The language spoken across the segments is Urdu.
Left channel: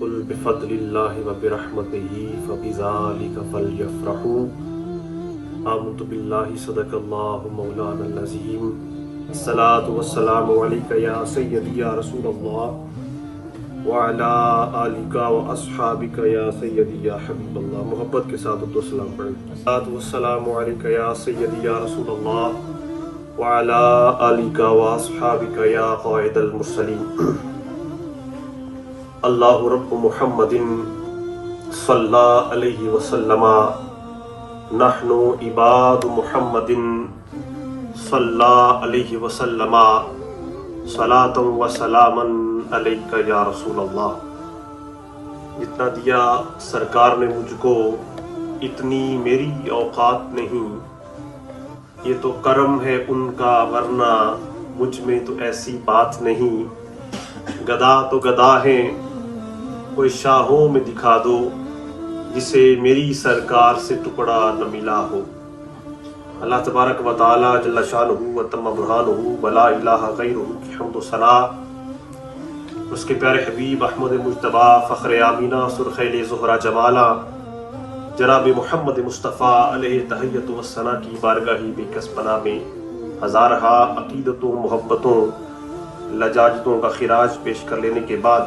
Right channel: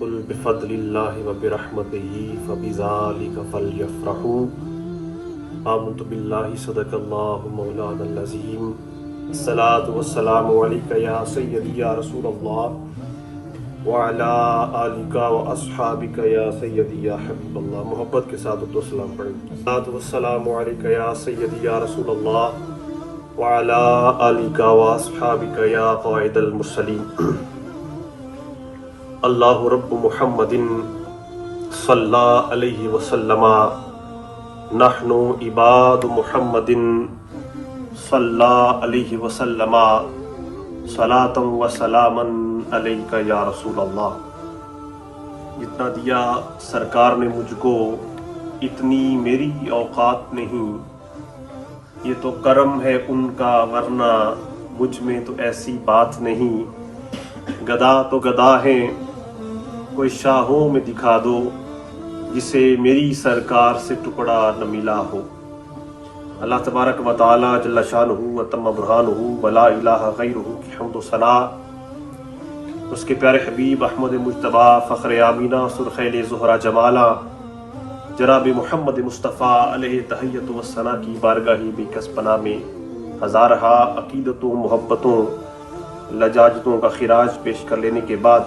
قل بفضل اللہ وبرحمتہ فبذالک فلیفرحوا آمنت باللہ صدق اللہ مولانا العظیم الصلاۃ والسلام علیک یا سیدی یا رسول اللہ وعلی آلک واصحابک یا سیدی یا حبیب اللہ. محبت کے ساتھ و سلام پڑھیں. الصلاۃ والسلام علیک یا سیدی یا رسول اللہ وعلی آلک واصحابک یا قائد المرسلین. اللہ رب محمد صلی علیہ وسلم نحن عباد محمد صلی علیہ وسلم صلاۃ و سلاما علیک یا رسول اللہ. جتنا دیا سرکار نے مجھ کو اتنی میری اوقات نہیں، یہ تو کرم ہے ان کا، ورنہ مجھ میں تو ایسی بات نہیں. گدا تو گدا ہیں، کوئی شاہوں میں دکھا دو جسے میری سرکار سے ٹکڑا نہ ملا ہو. اللہ تبارک و تعالی جل شانہ و تم برہانہ ولا الہ غیرہ کی حمد و ثنا اس کے پیارے حبیب احمد مجتبیٰ فخر آمینہ سرخیل زہرہ جمالہ جناب محمد مصطفیٰ علیہ تحیت و ثنا کی بارگاہی میں کس پناہ میں ہزارہا عقیدتوں محبتوں لجاجتوں کا خراج پیش کر لینے کے بعد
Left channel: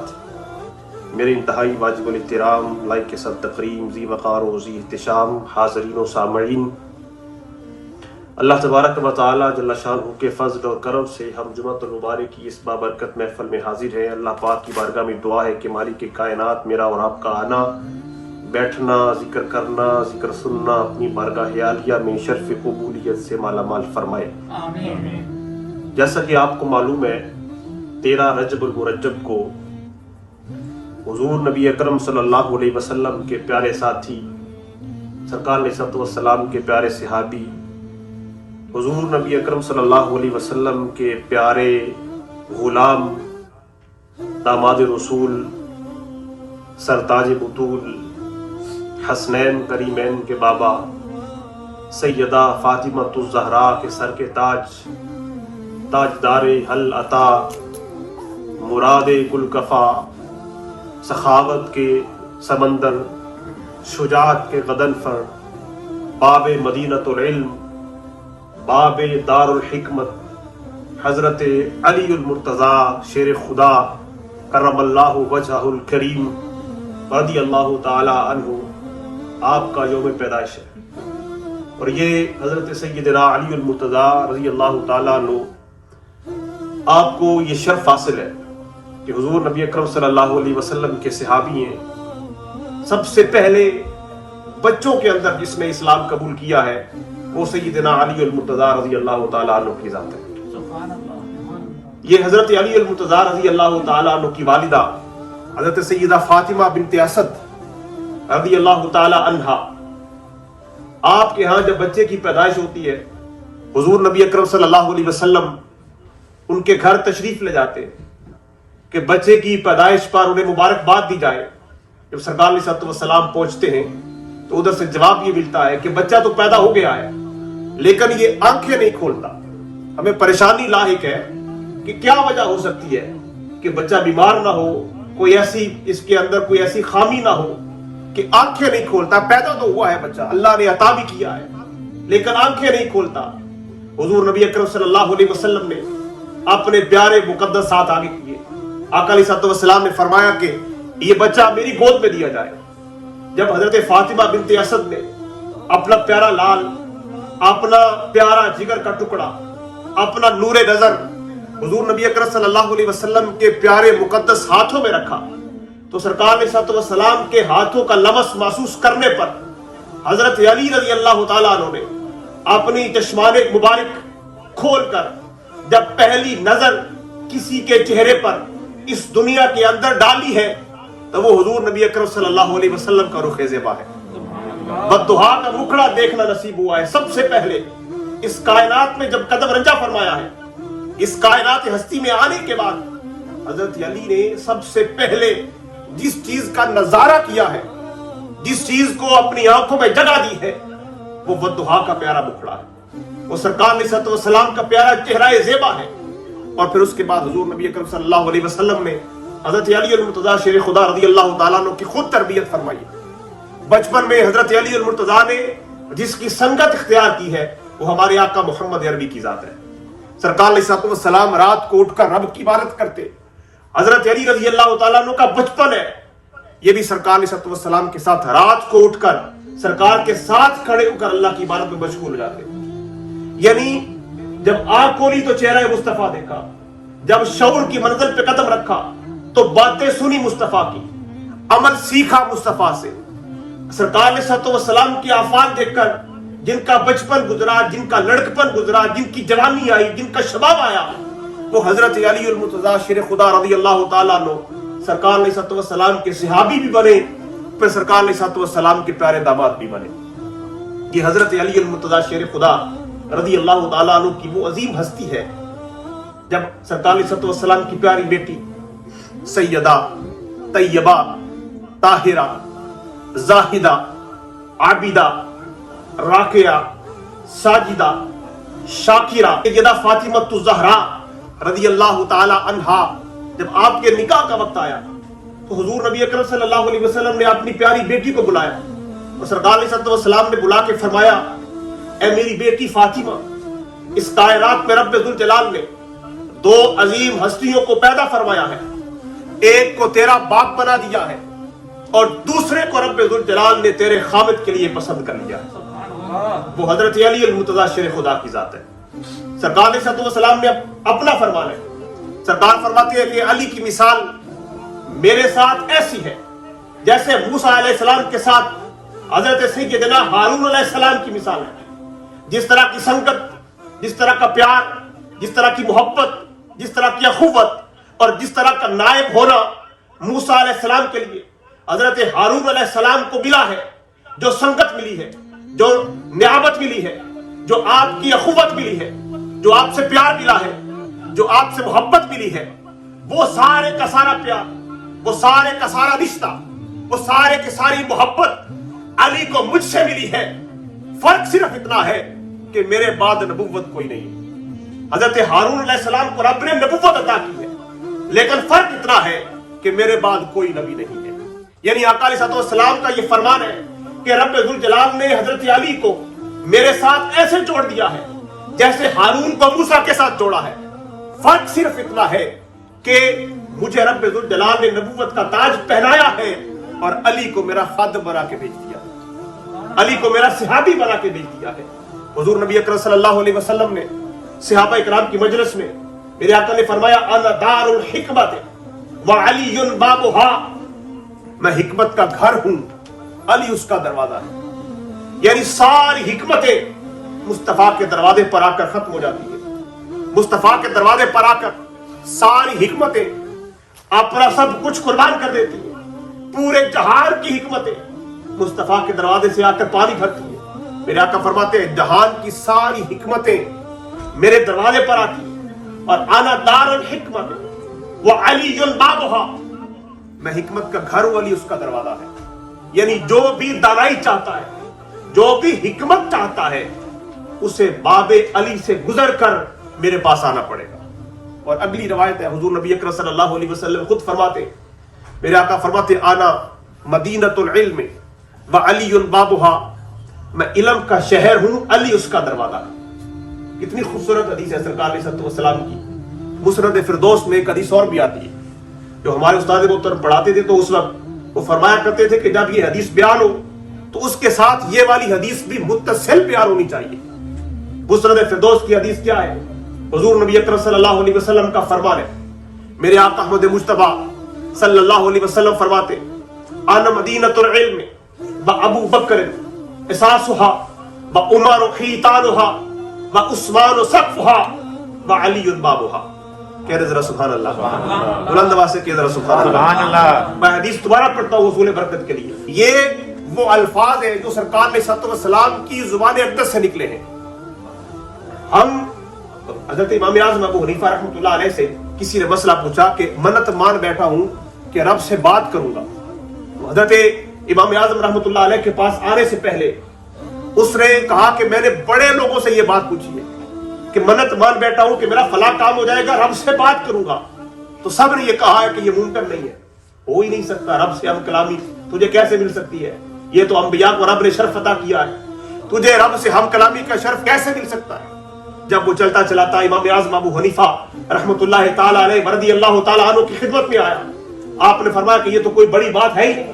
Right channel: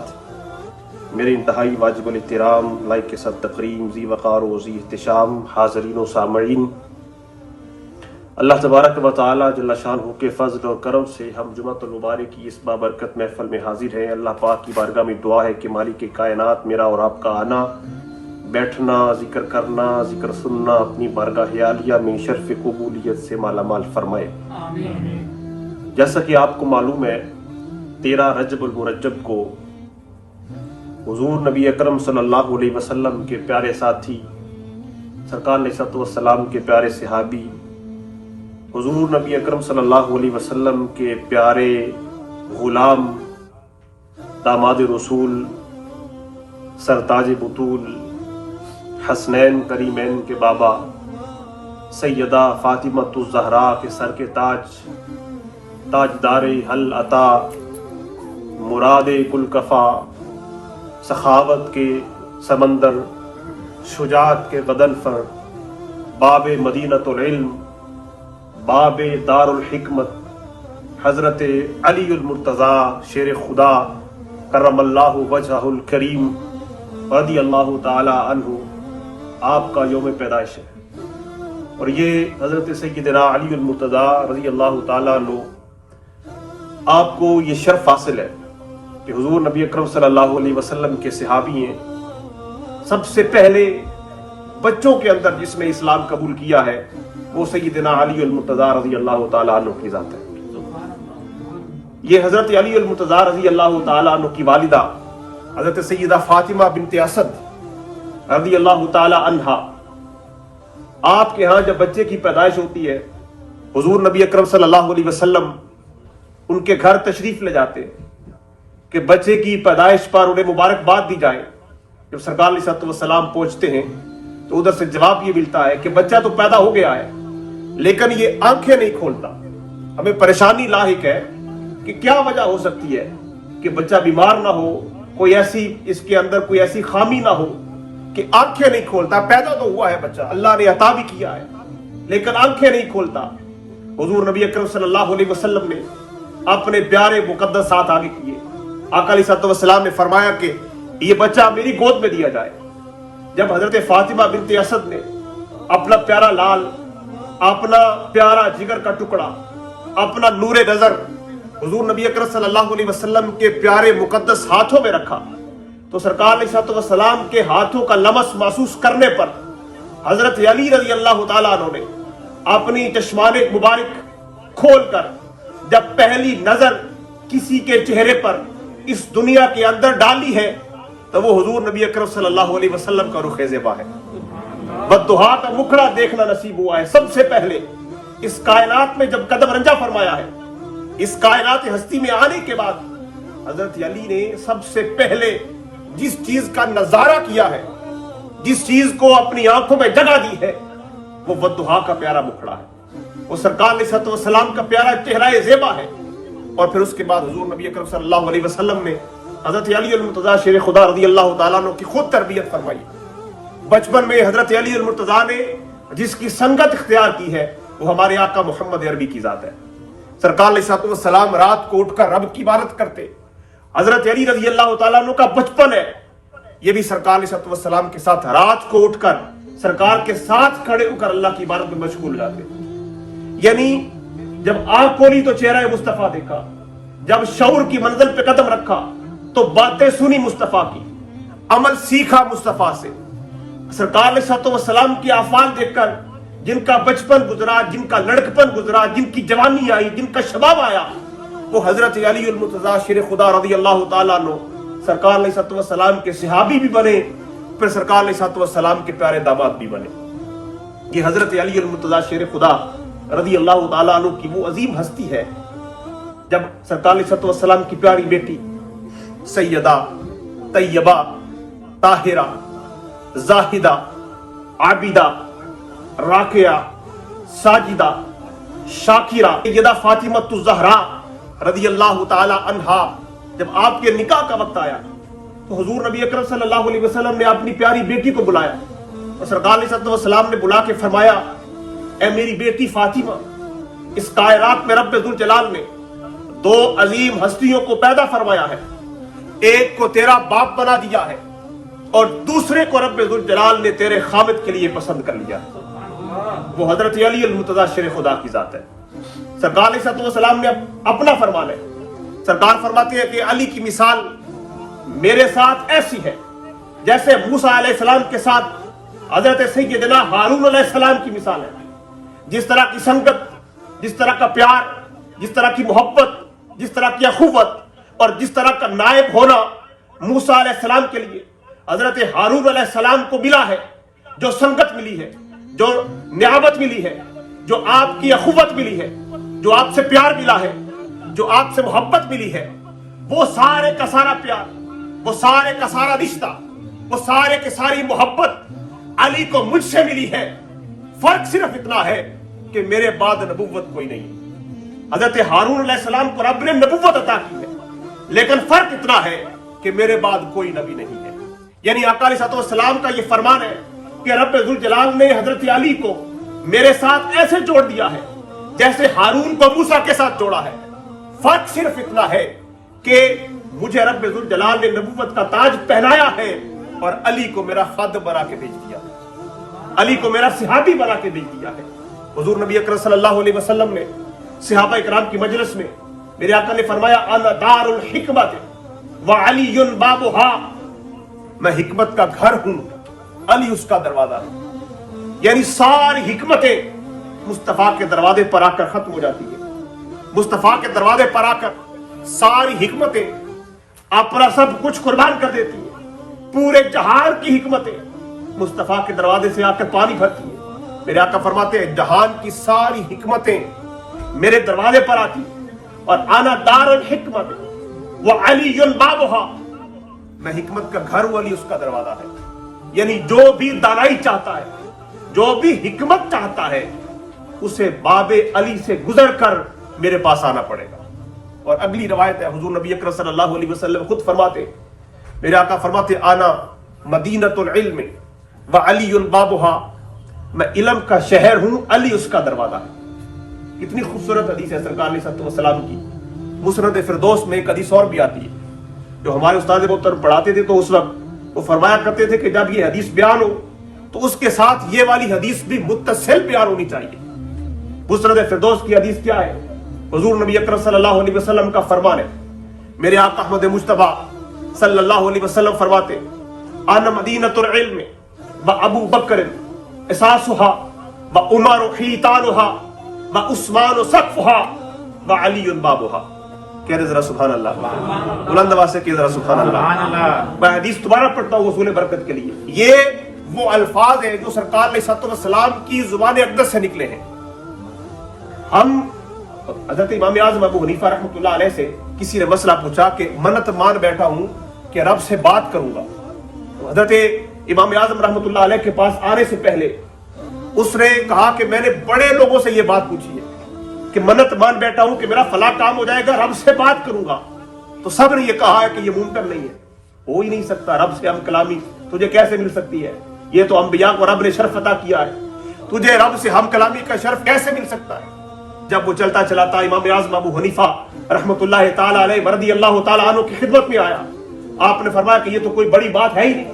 میرے انتہائی واجب الاحترام لائق کے ساتھ تقریم ذی وقار و ذی احتشام حاضرین و سامعین، اللہ تبارک و تعالی جل شانہ کے فضل اور کرم سے ہم جمعۃ المبارک کی اس بابرکت محفل میں حاضر ہیں. اللہ پاک کی بارگاہ میں دعا ہے کہ مالک کائنات میرا اور آپ کا آنا، بیٹھنا، ذکر کرنا، ذکر سننا اپنی بارگاہ عالیہ میں شرف قبولیت سے مالا مال فرمائے. آمین. جیسا کہ آپ کو معلوم ہے 13 رجب المرجب کو حضور نبی اکرم صلی اللہ علیہ وسلم کے پیارے ساتھی سرکار علیہ السلام کے پیارے صحابی حضور نبی اکرم صلی اللہ علیہ وسلم کے پیارے غلام داماد رسول سرتاج بطول حسنین کریمین کے بابا سیدہ فاطمۃ الزہراء کے سر کے تاجدار حل عطا مراد گلکفا سخاوت کے سمندر شجاعت کے غضنفر باب مدینۃ العلم باب دار الحکمت حضرت علی المرتضیٰ شیر خدا کرم اللہ وجہہ الکریم رضی اللہ تعالی عنہ آپ کا یوم پیدائش ہے. اور یہ حضرت سیدنا علی المرتضیٰ رضی اللہ تعالی عنہ آپ کو یہ شرف حاصل ہے کہ حضور نبی اکرم صلی اللہ علیہ وسلم کے صحابی ہیں. سب سے پہلے بچوں کے اندر جس نے اسلام قبول کیا ہے وہ سیدنا علی المرتضیٰ رضی اللہ تعالی عنہ کی ذات ہے. یہ حضرت علی المرتضیٰ رضی اللہ تعالی عنہ کی والدہ حضرت سیدہ فاطمہ بنت اسد رضی اللہ تعالی عنہا، آپ کے ہاں جب بچے کی پیدائش ہوتی ہے حضور نبی اکرم صلی اللہ علیہ وسلم ان کے گھر تشریف لے جاتے ہیں کہ بچے کی پیدائش پر انہیں مبارکباد دی جائے. جب سرکار علیہ السلام پہنچتے ہیں تو ادھر سے جواب یہ ملتا ہے کہ بچہ تو پیدا ہو گیا ہے لیکن یہ آنکھیں نہیں کھولتا. ہمیں پریشانی لاحق ہے کہ کیا وجہ ہو سکتی ہے کہ بچہ بیمار نہ ہو، کوئی ایسی اس کے اندر کوئی ایسی خامی نہ ہو کہ آنکھیں نہیں کھولتا. پیدا تو ہوا ہے بچہ، اللہ نے عطا بھی کیا ہے لیکن آنکھیں نہیں کھولتا. حضور نبی اکرم صلی اللہ علیہ وسلم نے اپنے پیارے مقدسات آگے کیے. آقا علیہ السلام نے فرمایا کہ یہ بچہ میری گود میں دیا جائے. جب حضرت فاطمہ بنت اسد نے اپنا پیارا لال، اپنا پیارا جگر کا ٹکڑا، اپنا نور نظر حضور نبی اکرم صلی اللہ علیہ وسلم کے پیارے مقدس ہاتھوں میں رکھا تو سرکار علیہ السلام کے ہاتھوں کا لمس محسوس کرنے پر حضرت علی رضی اللہ تعالیٰ عنہ نے اپنی چشمان مبارک کھول کر جب پہلی نظر کسی کے چہرے پر اس دنیا کے اندر ڈالی ہے تو وہ حضور نبی اکرم صلی اللہ علیہ وسلم کا رخ زیبا ہے. بددعا کا مکھڑا دیکھنا نصیب ہوا ہے. سب سے پہلے اس کائنات میں جب قدم رنجا فرمایا ہے، اس کائنات ہستی میں آنے کے بعد حضرت علی نے سب سے پہلے جس چیز کا نظارہ کیا ہے، جس چیز کو اپنی آنکھوں میں جگہ دی ہے، وہ بددعا کا پیارا مکھڑا ہے، وہ سرکار علیہ السلام کا پیارا چہرہ زیبا ہے. اور پھر اس کے بعد حضور نبی اکرم صلی اللہ علیہ وسلم نے حضرت علی المرتضیٰ شیر خدا رضی اللہ تعالیٰ عنہ کی خود تربیت فرمائی. بچپن میں حضرت علی المرتضیٰ نے جس کی سنگت اختیار کی ہے وہ ہمارے آقا محمد عربی کی ذات ہے. سرکار علیہ السلام رات کو اٹھ کر رب کی عبادت کرتے. حضرت علی رضی اللہ تعالیٰ عنہ کا بچپن ہے یہ بھی سرکار علیہ السلام کے ساتھ رات کو اٹھ کر سرکار کے ساتھ کھڑے ہو کر اللہ کی عبادت میں مشغول ہو جاتے. یعنی جب آنکھ کھولی تو چہرہ مصطفیٰ دیکھا, جب شعور کی منزل پہ قدم رکھا تو باتیں سنی مصطفیٰ کی, عمل سیکھا مصطفیٰ سے. سرکار علیہ السلام کی افعال دیکھ کر جن کا بچپن گزرا, جن کا لڑکپن گزرا, جن کی جوانی آئی, جن کا شباب آیا, وہ حضرت علی المرتضیٰ شیر خدا رضی اللہ تعالیٰ عنہ سرکار علیہ السلام کے صحابی بھی بنے, پھر سرکار علیہ السلام کے پیارے داماد بھی بنے. یہ حضرت علی المرتضیٰ شیر خدا رضی اللہ تعالیٰ عنہ کی وہ عظیم ہستی ہے جب سرکار علیہ السلام کی پیاری بیٹی سیدہ طیبہ طاہرہ زاہدہ عابدہ راکعہ ساجدہ شاکرہ سیدہ فاطمہ الزہرا رضی اللہ تعالی عنہا جب آپ کے نکاح کا وقت آیا تو حضور نبی اکرم صلی اللہ علیہ وسلم نے اپنی پیاری بیٹی کو بلایا اور سرکار علیہ السلام نے بلا کے فرمایا, اے میری بیٹی فاطمہ, اس کائنات میں رب ذوالجلال نے دو عظیم ہستیوں کو پیدا فرمایا ہے, ایک کو تیرا باپ بنا دیا ہے اور دوسرے کو رب ذوالجلال نے تیرے خامد کے لیے پسند کر لیا ہے. وہ حضرت علی المرتضیٰ شیر خدا کی ذات ہے. سرکار علیہ السلام نے اپنا فرمان ہے, سرکار فرماتے ہیں کہ علی کی مثال میرے ساتھ ایسی ہے جیسے موسیٰ علیہ السلام کے ساتھ حضرت سیدنا ہارون علیہ السلام کی مثال ہے. جس طرح کی سنگت, جس طرح کا پیار, جس طرح کی محبت, جس طرح کی اخوت اور جس طرح کا نائب ہونا موسیٰ علیہ السلام کے لیے حضرت ہارون علیہ السلام کو ملا ہے, جو سنگت ملی ہے, جو نیابت ملی ہے, جو آپ کی اخوت ملی ہے, جو آپ سے پیار ملا ہے, جو آپ سے محبت ملی ہے, وہ سارے کا سارا پیار, وہ سارے کا سارا رشتہ, وہ سارے کی ساری محبت علی کو مجھ سے ملی ہے. فرق صرف اتنا ہے کہ میرے بعد نبوت کوئی نہیں. حضرت ہارون علیہ السلام کو رب نے نبوت عطا کی ہے, لیکن فرق اتنا ہے کہ میرے بعد کوئی نبی نہیں ہے. یعنی آقا علیہ السلام کا یہ فرمان ہے کہ رب ذوالجلال نے حضرت علی کو میرے ساتھ ایسے جوڑ دیا ہے جیسے ہارون کو موسیٰ کے ساتھ جوڑا ہے. فرق صرف اتنا ہے کہ مجھے رب ذوالجلال نے نبوت کا تاج پہنایا ہے اور علی کو میرا خادم بنا کے بھیج دیا, علی کو میرا صحابی بنا کے بھیج دیا ہے. حضور نبی اکرم صلی اللہ علیہ وسلم نے صحابہ اکرام کی مجلس میں میرے آقا نے فرمایا, انا دار الحکمت وعلی بابها, میں حکمت کا گھر ہوں, علی اس کا دروازہ ہے. یعنی ساری حکمتیں مصطفیٰ کے دروازے پر آ کر ختم ہو جاتی ہیں. مصطفیٰ کے دروازے پر آ کر ساری حکمتیں اپنا سب کچھ قربان کر دیتی ہیں. پورے جہان کی حکمتیں مصطفیٰ کے دروازے سے آ کر پانی بھرتی ہیں. میرے آقا فرماتے ہیں جہان کی ساری حکمتیں میرے دروازے پر آتی ہیں اور انا دار الحکمت وعلی بابها, میں حکمت کا گھر ہوں, علی اس کا دروازہ ہے. یعنی جو بھی دانائی چاہتا ہے, جو بھی حکمت چاہتا ہے, اسے باب علی سے گزر کر میرے پاس آنا پڑے گا. اور اگلی روایت ہے, حضور نبی اکرم صلی اللہ علیہ وسلم خود فرماتے, میرے آقا فرماتے آنا مدینۃ العلم وعلی بابها, میں علم کا شہر ہوں, علی اس کا دروازہ ہے. کتنی خوبصورت حدیث ہے سرکار علیہ السلام کی. مسند فردوس میں ایک حدیث اور بھی آتی ہے جو ہمارے استاد محترم پڑھاتے تھے, تو اس وقت وہ فرمایا کرتے تھے کہ جب یہ حدیث بیان ہو تو اس کے ساتھ یہ والی حدیث بھی متصل بیان ہونی چاہیے. مسند فردوس کی حدیث کیا ہے؟ حضور نبی اکرم صلی اللہ علیہ وسلم کا فرمان ہے, میرے آقا احمد مجتبیٰ صلی اللہ علیہ وسلم فرماتے, انا مدینۃ العلم وابو بکر اساسها وعمر خیطانها وعثمان سقفها وعلی بابها. کہہ رہے ذرا سبحان اللہ, بلند آواز سے کہہ ذرا سبحان اللہ. میں حدیث دوبارہ پڑھتا ہوں حصول برکت کے لیے. یہ وہ الفاظ ہیں جو سرکار علیہ السلام کی زبان اقدس سے نکلے ہیں. ہم حضرت امام اعظم ابو حنیفہ رحمۃ اللہ علیہ سے کسی نے مسئلہ پوچھا کہ منت مان بیٹھا ہوں کہ رب سے بات کروں گا. حضرت امام اعظم رحمۃ اللہ علیہ کے پاس آنے سے پہلے اس نے کہا کہ میں نے بڑے لوگوں سے یہ بات پوچھی ہے کہ منت مان بیٹھا ہوں کہ میرا فلاں کام ہو جائے گا, رب سے بات کروں گا. تو سب نے یہ کہا ہے کہ یہ ممکن نہیں ہے، ہو ہی نہیں سکتا، رب سے ہم کلامی تجھے کیسے مل سکتی ہے؟ یہ تو انبیاء کو رب نے شرف عطا کیا ہے، تجھے رب سے ہم کلامی کا شرف کیسے مل سکتا ہے؟ جب وہ چلتا چلاتا امام اعظم ابو حنیفہ رحمۃ اللہ تعالی علیہ رضی اللہ تعالی عنہ کی خدمت میں آیا، آپ نے فرمایا کہ یہ تو کوئی بڑی بات ہے ہی نہیں،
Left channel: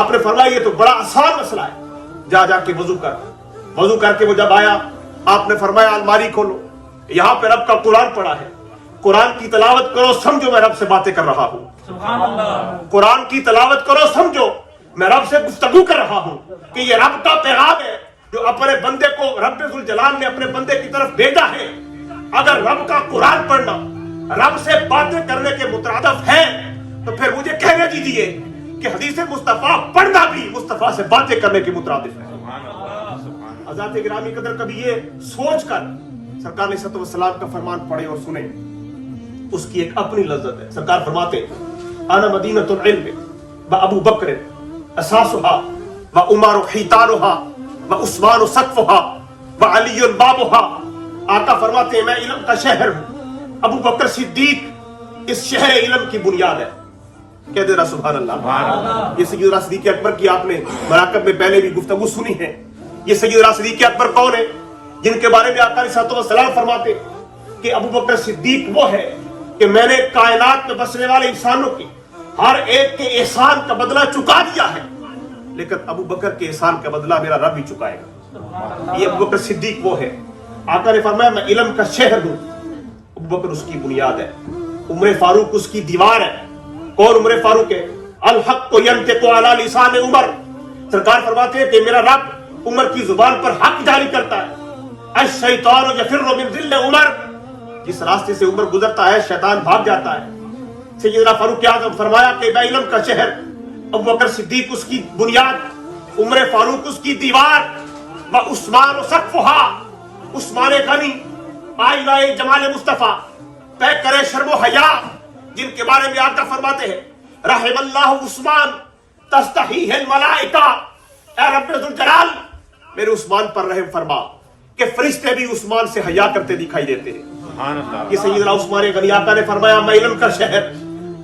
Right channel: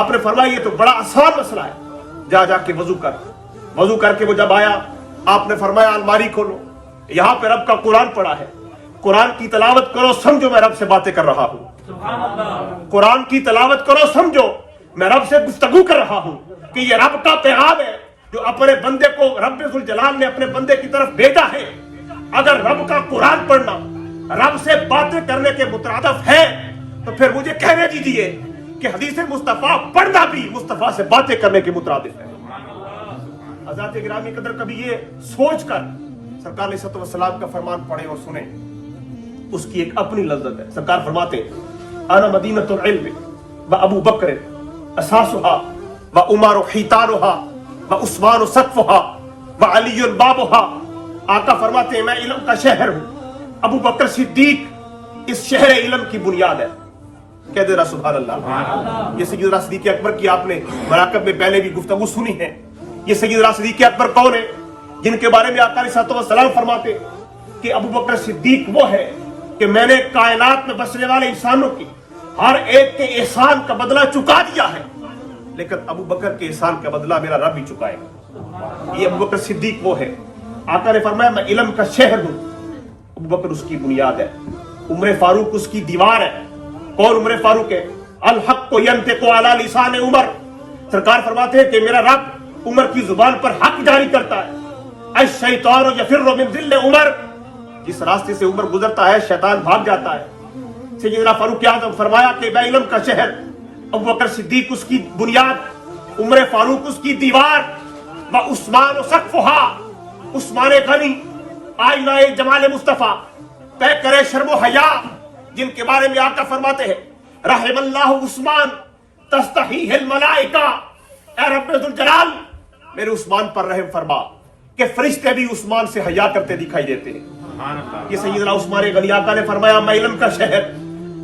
آپ نے فرمایا یہ تو بڑا آسان مسئلہ ہے، جا کے وضو کر کے وہ جب آیا آپ نے فرمایا الماری کھولو، یہاں پہ رب کا قرآن پڑا ہے، قرآن کی تلاوت کرو، سمجھو میں رب سے باتیں کر رہا ہوں، سبحان اللہ، قرآن کی تلاوت کرو، سمجھو میں رب سے گفتگو کر رہا ہوں کہ یہ رب کا پیغام ہے جو اپنے بندے کو رب ذوالجلال نے اپنے بندے کی طرف بھیجا ہے۔ اگر رب کا قرآن پڑھنا رب سے باتیں کرنے کے مترادف ہے تو پھر مجھے کہنے دیجیے کہ حدیث مصطفیٰ پڑھنا بھی مصطفیٰ سے باتیں کرنے کے مترادف ہے۔ حضرات گرامی قدر کبھی یہ سوچ کر سرکار علیہ الصلوۃ والسلام کا فرمان پڑھیں اور سنیں، اس کی ایک اپنی لذت ہے۔ سرکار فرماتے ہیں انا مدینۃ العلم وابو بکر اساسها وعمر حیطانها وعثمان سقفها وعلی بابها۔ آقا فرماتے ہیں میں علم کا شہر ہوں، ابو بکر صدیق اس شہر علم کی بنیاد ہے۔ کہہ دے رہا سبحان اللہ۔ یہ سیدنا صدیق اکبر کی آپ نے مراقب میں پہلے بھی گفتگو سنی ہے۔ یہ سیدنا صدیق اکبر کون ہے؟ جن کے بارے میں آقا علیہ الصلوۃ والسلام فرماتے کہ ابو بکر صدیق وہ ہے کہ میں نے کائنات میں بسنے والے انسانوں کی ہر ایک کے احسان کا بدلہ چکا دیا ہے، لیکن ابو بکر کے احسان کا بدلہ میرا رب ہی چکائے گا۔ یہ ابو بکر صدیق وہ ہے۔ آقا نے فرمایا میں علم کا شہر ہوں، ابو بکر اس کی بنیاد ہے، عمر فاروق اس کی دیوار ہے۔ اور عمر فاروق ہے الحق ینطق علی لسان عمر۔ سرکار فرماتے ہیں کہ میرا رب عمر کی زبان پر حق جاری کرتا ہے۔ الشیطان یفر من ذل عمر، جس راستے سے عمر گزرتا ہے شیطان بھاگ جاتا ہے۔ سیدنا فاروق اعظم فرمایا کہ میں علم کا شہر، ابو بکر صدیق اس کی بنیاد، عمر فاروق اس کی دیوار، وعثمان سقفها، عثمان غنی آئینہ جمال مصطفیٰ، طے کرے شرم و حیا، جن کے بارے میں آقا فرماتے ہیں رحم اللہ عثمان تستحیہ الملائکہ، اے رب ذوالجلال میرے عثمان پر رحم فرما کہ فرشتے بھی عثمان سے حیا کرتے دکھائی دیتے ہیں۔ یہ سیدنا عثمان غنی آقا نے فرمایا میں علم کا شہر،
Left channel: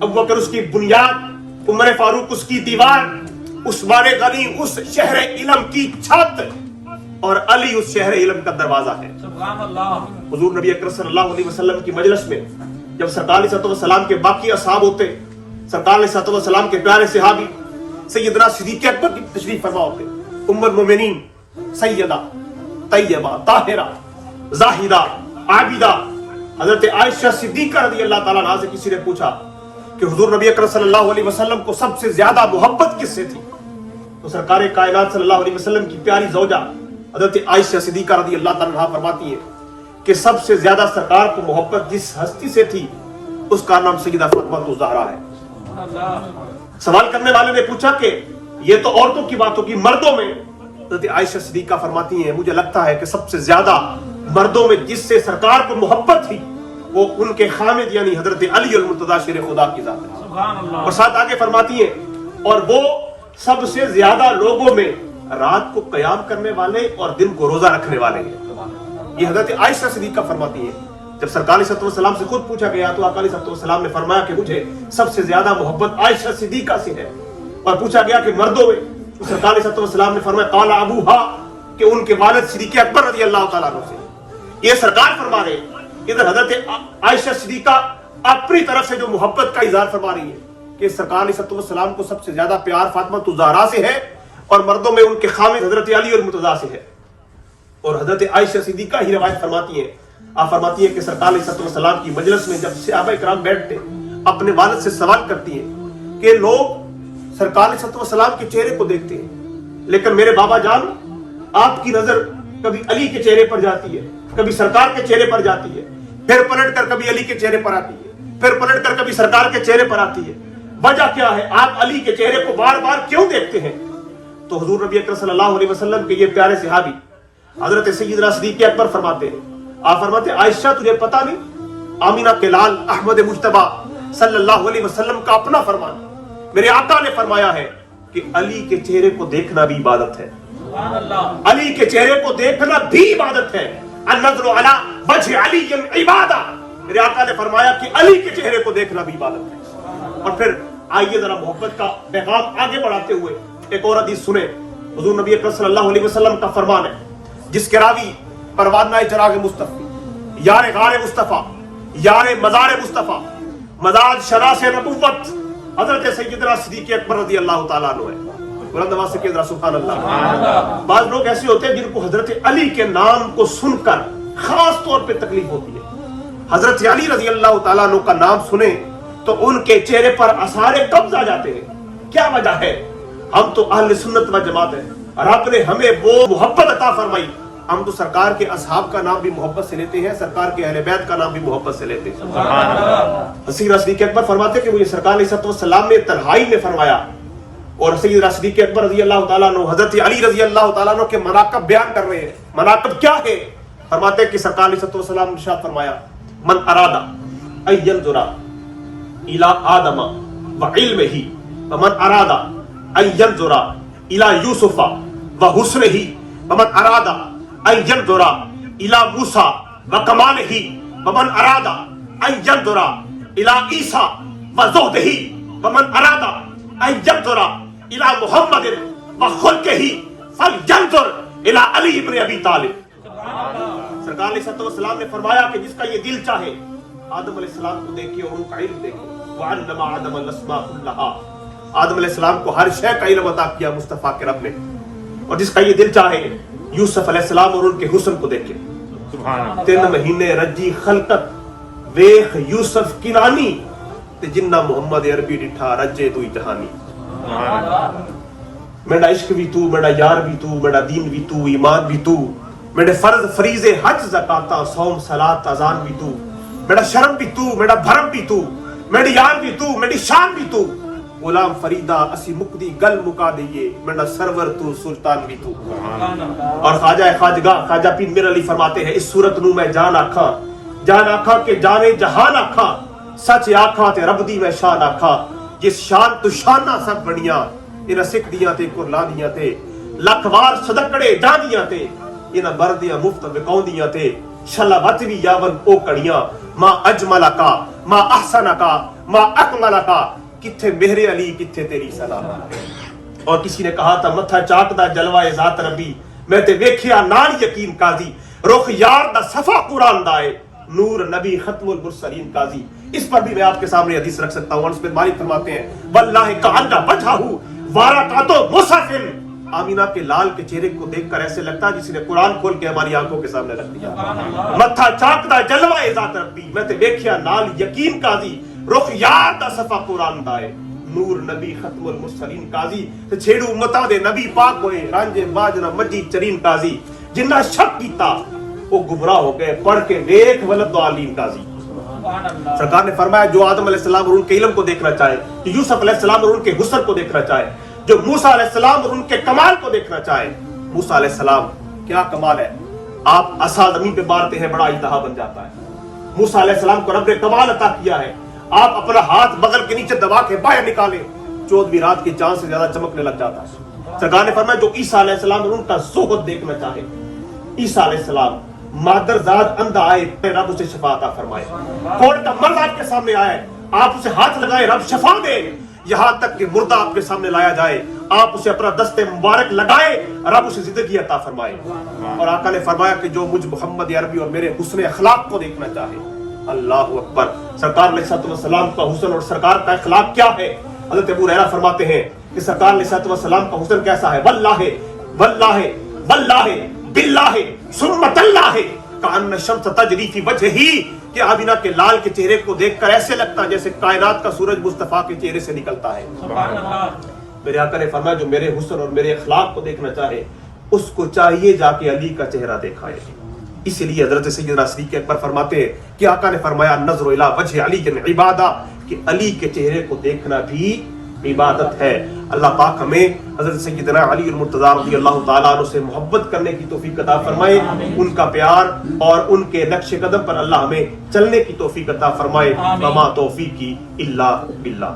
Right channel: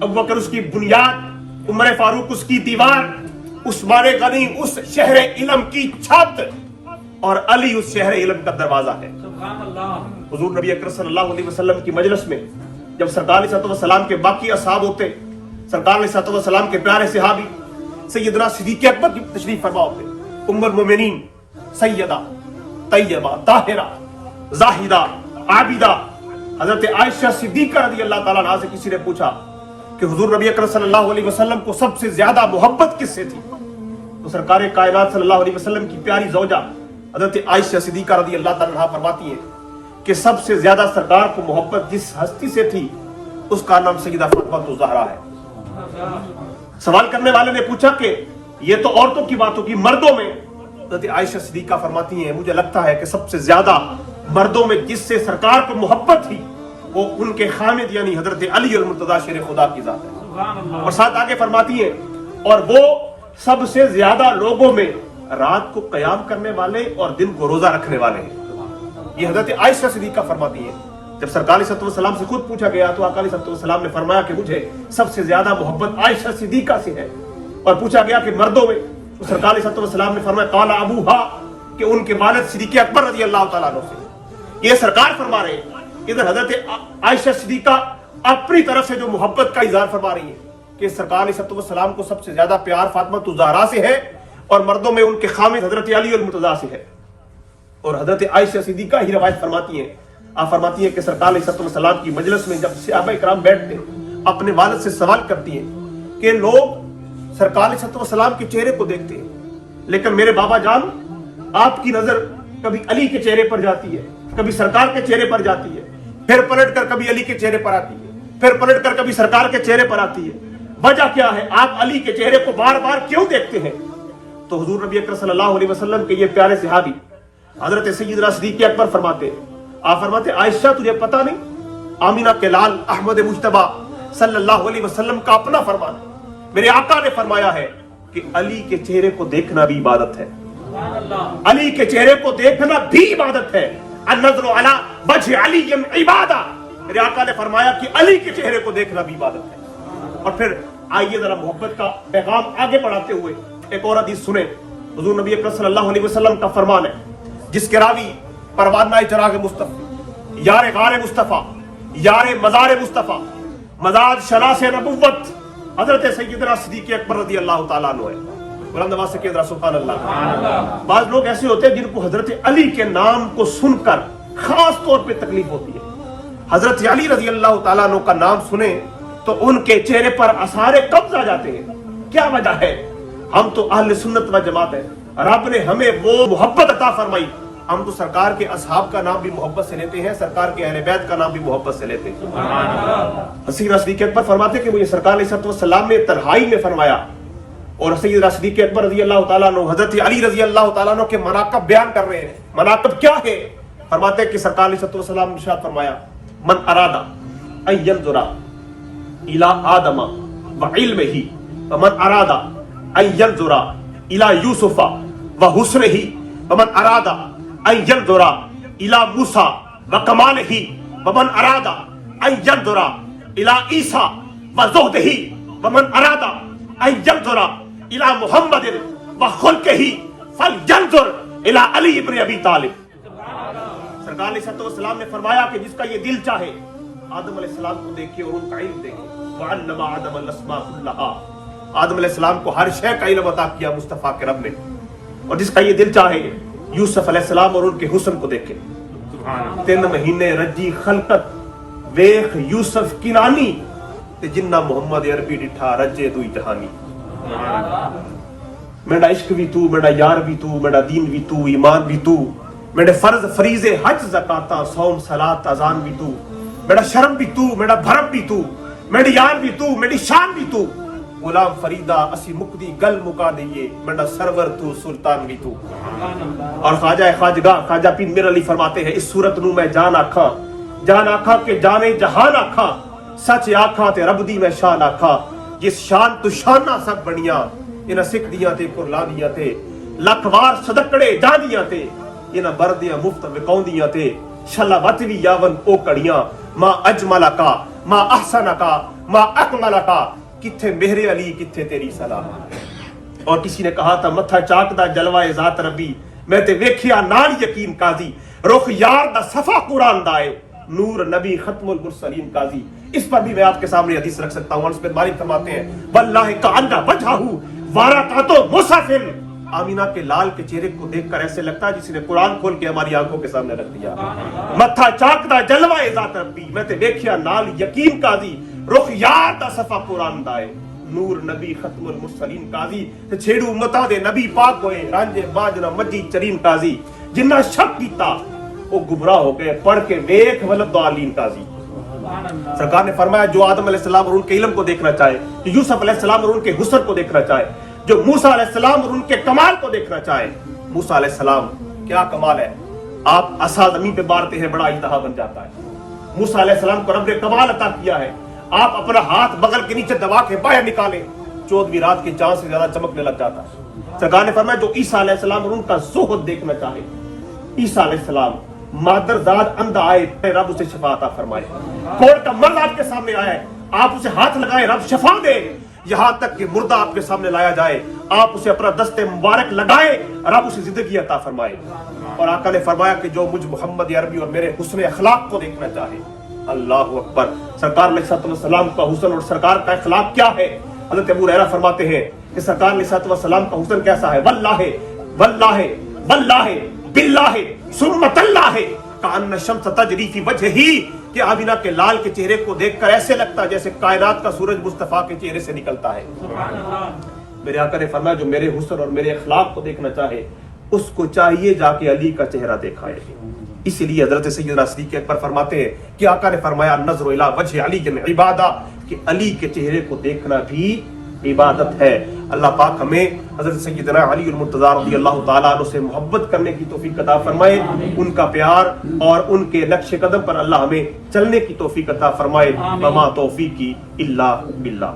ابو بکر اس کی بنیاد، عمر فاروق اس کی دیوار، عثمان غنی اس شہر علم کی چھت، اور علی اس شہر علم کا دروازہ ہے۔ حضور نبی اکرم صلی اللہ علیہ وسلم کی مجلس میں جب سرکار علیہ الصلوۃ والسلام کے باقی اصحاب ہوتے، سرکار علیہ الصلوۃ والسلام کے پیارے صحابی سیدنا صدیق اکبر کی تشریف فرما ہوتے، ام المومنین سیدہ طیبہ طاہرہ زاہدہ عابدہ حضرت عائشہ صدیقہ رضی اللہ تعالیٰ عنہا سے کسی نے پوچھا کہ حضور نبی اکرم صلی اللہ علیہ وسلم کو سب سے زیادہ محبت کس سے تھی؟ تو سرکار کائنات صلی اللہ علیہ وسلم کی پیاری زوجہ حضرت عائشہ صدیقہ رضی اللہ تعالیٰ عنہا فرماتی ہیں کہ سب سے زیادہ سرکار کو محبت جس ہستی سے تھی اس کا نام سیدہ فاطمہ الزہرا ہے۔ سوال کرنے والے نے پوچھا کہ یہ تو عورتوں کی بات ہوگی، مردوں میں؟ حضرت عائشہ صدیقہ فرماتی ہیں مجھے لگتا ہے کہ سب سے زیادہ مردوں میں جس سے سرکار کو محبت تھی وہ ان کے خامد یعنی حضرت علی المرتضیٰ شیر خدا کی ذات ہے۔ اور ساتھ آگے فرماتی ہے اور وہ سب سے زیادہ لوگوں میں رات کو قیام کرنے والے اور دن کو روزہ رکھنے والے ہیں۔ یہ حضرت عائشہ صدیقہ فرماتی ہے جب سرکار علیہ الصلوۃ والسلام سے خود پوچھا گیا تو آقا علیہ الصلوۃ والسلام نے فرمایا کہ مجھے سب سے زیادہ محبت عائشہ صدیقہ سے ہے۔ اور پوچھا گیا کہ مردوں میں تو سرکار علیہ الصلوۃ والسلام نے فرمایا قال ابوہا، کہ ان کے والد صدیق اکبر رضی اللہ تعالیٰ عنہ سے۔ یہ سرکار فرما رہے ہیں ادھر حضرت عائشہ صدیقہ اپنی طرف سے جو محبت کا اظہار فرما رہی ہے کہ سرکار علیہ الصلوۃ والسلام کو سب سے زیادہ پیار فاطمہ الزہرا سے ہے اور مردوں میں ان کے خامد حضرت علی المرتضیٰ سے ہے۔ اور حضرت عائشہ صدیقہ ہی روایت فرماتی ہیں، آپ فرماتی ہیں کہ سرکار علیہ الصلوۃ والسلام کی مجلس میں جب صحابہ کرام بیٹھتے اپنے والد سے سوال کرتی ہیں کہ لوگ سرکار علیہ الصلوۃ والسلام کے چہرے کو دیکھتے ہیں لیکن میرے بابا جان آپ کی نظر کبھی علی کے چہرے پر جاتی ہے، کبھی سرکار کے چہرے پر جاتی ہے، پھر پلٹ کر کبھی علی کے چہرے پر آتی ہے، پھر پلٹ کر کبھی سرکار کے چہرے پر آتی ہے، وجہ کیا ہے؟ آپ علی کے چہرے کو بار بار کیوں دیکھتے ہیں؟ تو حضور نبی اکرم صلی اللہ علیہ وسلم کے یہ پیارے صحابی حضرت سیدنا صدیق اکبر فرماتے ہیں، آپ فرماتے ہیں عائشہ تجھے پتا نہیں آمینہ کے لال احمد مجتبی صلی اللہ علیہ وسلم کا اپنا فرمان ہے، میرے آقا نے فرمایا ہے کہ علی کے چہرے کو دیکھنا بھی عبادت ہے، علی کے چہرے کو دیکھنا بھی عبادت ہے، النظر علی وجہ علی عبادہ، میرے آقا نے فرمایا کہ علی کے چہرے کو دیکھنا بھی عبادت ہے. اور پھر آئیے ذرا محبت کا پیغام آگے بڑھاتے ہوئے ایک اور حدیث سنیں. حضور نبی اکرم صلی اللہ علیہ وسلم کا فرمان ہے جس کے راوی پروانہ چراغ مصطفی، یار غار مصطفیٰ، یار مزار مصطفیٰ، مزار شراس نبوت حضرت سیدنا صدیق اکبر رضی اللہ تعالیٰ عنہ ہے. بلند آواز سے کہہ سبحان اللہ. بعض لوگ ایسے ہوتے ہیں جن کو حضرت علی کے نام کو سن کر خاص طور پہ تکلیف ہوتی ہے. حضرت علی رضی اللہ تعالیٰ عنہ کا نام سنیں تو ان کے چہرے پر اثار قبض آ جاتے ہیں. کیا وجہ ہے؟ ہم تو اہل سنت و جماعت ہیں. رب نے ہمیں وہ محبت عطا فرمائی. ہم تو سرکار کے اصحاب کا نام بھی محبت سے لیتے ہیں، سرکار کے اہل بیت کا نام بھی محبت سے لیتے ہیں. سیدنا صدیق اکبر فرماتے کہ مجھے سرکار علیہ السلام نے تنہائی میں فرمایا، اور سیدنا صدیق اکبر رضی اللہ تعالیٰ عنہ حضرت علی رضی اللہ تعالیٰ عنہ کے مناقب بیان کر رہے ہیں. مناقب کیا ہے؟ فرماتے کہ سرکار علیہ السلام نے ارشاد فرمایا من ارادہ ان ينظر الى آدم وعلمه ومن ارادہ ان ينظر الى یوسف وحسنه ومن ارادہ ان ينظر الى موسیٰ وکمالہ ومن ارادہ ان ينظر الى عیسیٰ وزہدہ ومن ارادہ ان ينظر الى محمد وخلقہ فلینظر الى علی ابن ابی طالب. سرکار علیہ السلام نے فرمایا کہ جس کا یہ دل چاہے آدم علیہ السلام کو دیکھے اور ان کا علم دیکھے. وعلم آدم الاسماء كلها. آدم علیہ السلام کو ہر شے کا علم عطا کیا مصطفیٰ کے رب نے. اور جس کا یہ دل چاہے یوسف علیہ السلام اور ان کے حسن کو دیکھے. 3 مہینے رجی خلقت ویخ یوسف کنانی تے جنہ محمد عربی ڈٹھا رجے دوئی جہانی. میرا عشق بھی تو، میرا یار بھی تو، میرا دین بھی تو، ایمان بھی تو، میرے فرض فریضے حج زکاتہ صوم صلاۃ اذان بھی تو، میرا شرم بھی تو، میرا بھرم بھی تو، میری یار بھی تو، میری شان بھی تو. غلام فریدہ اسی مقدی گل مکا دیئے میرا سرور تو سلطان بھی تو. اور خواجہ خواجگاہ خواجہ پیر میر علی فرماتے ہیں اس صورت نو میں جان آکھا کہ جانے جہان آکھا، سچ آکھا تے رب دی میں شان آکھا. جس شان تو شانہ سب بڑیاں انہاں سکھ دیاں تے قرلانیاں تے لکھ وار صدقڑے جاندیاں تے انہاں بردیاں مفت وکاؤندیاں تے شلا وطوی یاون او کڑیاں. ما اجملکا ما احسنکا ما اکملکا، کتھے مہر علی کتھے تیری سلام. اور کسی نے کہا تھا متھا چاک دا جلوہ ذات ربی میں تے ویکھیا نال یقین قاضی. رخ یار دا صفا قرآن دائے نور نبی ختم المرسلین قاضی. اس پر بھی میں آپ کے سامنے حدیث رکھ سکتا ہوں. اور اس پہ مالک فرماتے ہیں واللہ کأن وجہہ ورقۃ مصحف. آمینہ کے لال کے چہرے کو دیکھ کر ایسے لگتا ہے جس نے قرآن کھول کے ہماری آنکھوں کے سامنے رکھ دیا. متھا چاک دا جلوہ ذات ربی میں تے ویکھیا نال یقین قاضی. رخ یار دا صفا قرآن دائے نور نبی ختم المرسلین قاضی. تے چھیڑو امتاں دے نبی پاک ہوئے رانجے باجنا مجی چرین قاضی. جنہ شک کیتا وہ گمراہ ہو گئے پڑھ کے ویکھ ولد ضالین قاضی. سرکار نے فرمایا جو آدم علیہ السلام اور ان کے علم کو دیکھنا چاہے، جو یوسف علیہ السلام اور ان کے حسن کو دیکھنا چاہے، جو موسیٰ علیہ السلام اور ان کے کمال کو دیکھنا چاہے. موسیٰ علیہ السلام کیا کمال ہے، آپ عصا زمین پہ مارتے ہیں بڑا اجتہا بن جاتا ہے. موسیٰ علیہ السلام کو رب نے کمال عطا کیا ہے، آپ اپنا ہاتھ بغل کے نیچے دبا کے باہر نکالیں 14ویں رات کے چاند سے زیادہ چمکنے لگ جاتا ہے. سرکار نے فرمایا جو عیسیٰ علیہ السلام اور ان کا زہد دیکھنا چاہے، عیسیٰ علیہ السلام مادر زاد اندھا آئے رب اسے شفا عطا فرمائے. کوڑ کا مرد آپ کے سامنے آئے آپ اسے ہاتھ لگائے رب شفا دے. یہاں تک کہ مردہ آپ کے سامنے لایا جائے آپ اسے اپنا دست مبارک لگائے رب اسے زندگی عطا فرمائے. اور آقا نے فرمایا کہ جو مجھ محمد عربی اور میرے حسن اخلاق کو دیکھنا چاہے. اللہ اکبر. سرکار علیہ السلام کا حسن اور سرکار کا اخلاق کیا ہے؟ حضرت ابو ہریرہ فرماتے ہیں کہ سرکار علیہ السلام کا حسن کیسا ہے؟ واللہ واللہ واللہ باللہ ثم تاللہ کأن الشمس تجری فی وجہہ. کہ آمینہ کے لال کے چہرے کو دیکھ کر ایسے لگتا ہے جیسے کائنات کا سورج مصطفیٰ کے چہرے سے نکلتا ہے. میرے آقا نے فرمایا جو میرے حسن اور میرے اخلاق کو دیکھنا چاہے اس کو چاہیے جا کے علی کا چہرہ دیکھائے. اسی لیے حضرت سیدنا صدیق اکبر فرماتے ہیں کہ آقا نے فرمایا نظر الی وجہ علی عبادہ، کہ علی کے چہرے کو دیکھنا بھی عبادت ہے. اللہ پاک ہمیں حضرت سیدنا علی المرتضیٰ رضی اللہ تعالیٰ عنہ سے محبت کرنے کی توفیق عطا فرمائے. ان کا پیار اور ان کے نقش قدم پر اللہ ہمیں چلنے کی توفیق عطا فرمائے. وما توفیقی الا باللہ.